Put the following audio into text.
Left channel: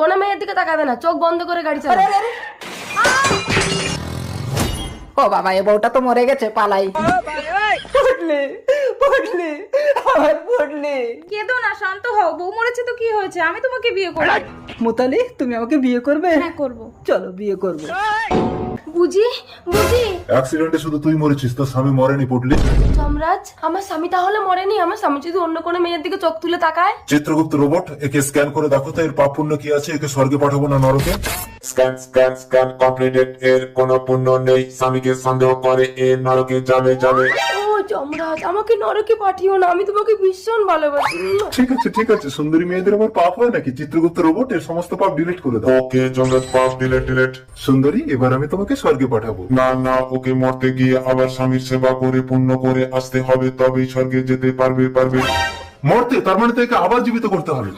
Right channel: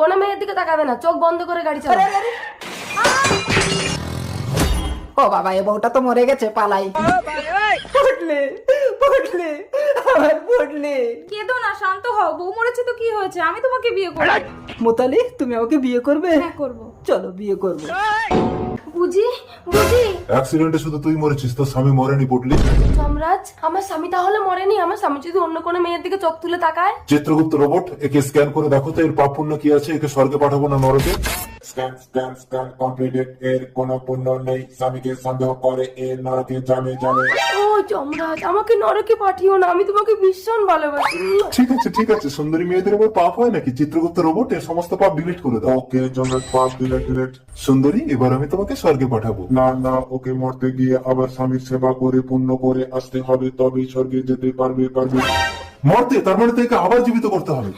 কোনো মেয়ের দিকে তাকাবে না, চোখ বন্ধ করে গাড়ি চালাবে। ও বাবা, এ বউটা তো মরে গেছে, পালাই। পড়লে পড়লে আমার পড়লে। কেঁদো না, শান্ত হও। বউ মরেছে তো কি হয়েছে, আমি তোমাকে বিয়ে করবো। মোতালি, তুমি আমাকে বিয়ে করবে? হ্যাঁ করবো। চলো বিয়ে করবো। বুঝি বুঝি অ্যাক্সিডেন্টে শুধু তুই মরেছিস, তোর স্বামী মরেনি পড়লি। সম্রাজ, আমার স্বামী তাহলে মরেনি? আমার স্বামী যদি অন্য কোনো মেয়ের দিকে চোখ তুলে তাকায়? চিত্রগুপ্ত রোবট, একে স্ক্যান করে দেখো তো এর পাপ পুণ্য কি আছে, একে স্বর্গে পাঠাবো না নরকে। Scan scan scan completed. এর কোনো পুণ্য নেই, স্বামীকে সন্দেহ করে এ নরকে যাবে যাবে। ও যমরাজ, আমাকে নরকে পাঠিও না, আমি তোমাকে ভীষণ ভালোবাসি। ঠিক আছে, সুন্দরী মেয়েদের আবার পাপ হয় নাকি? চিত্রগুপ্ত রোবট, এর সমস্ত পাপ ডিলিট করে দাও। ওকে জমরাজ, পাপ ডিলেট ডিলেট। সুন্দরী, এবার আমি তোমাকে স্বর্গে পাঠাবো। না না, ওকে মরতে গিয়ে আবার স্বামীর সেবা করে পুণ্য করে আসতে হবে, তবেই স্বর্গে যেতে পারবে। মরতে, তারপরে থেকে আবার জীবিত করতে হবে।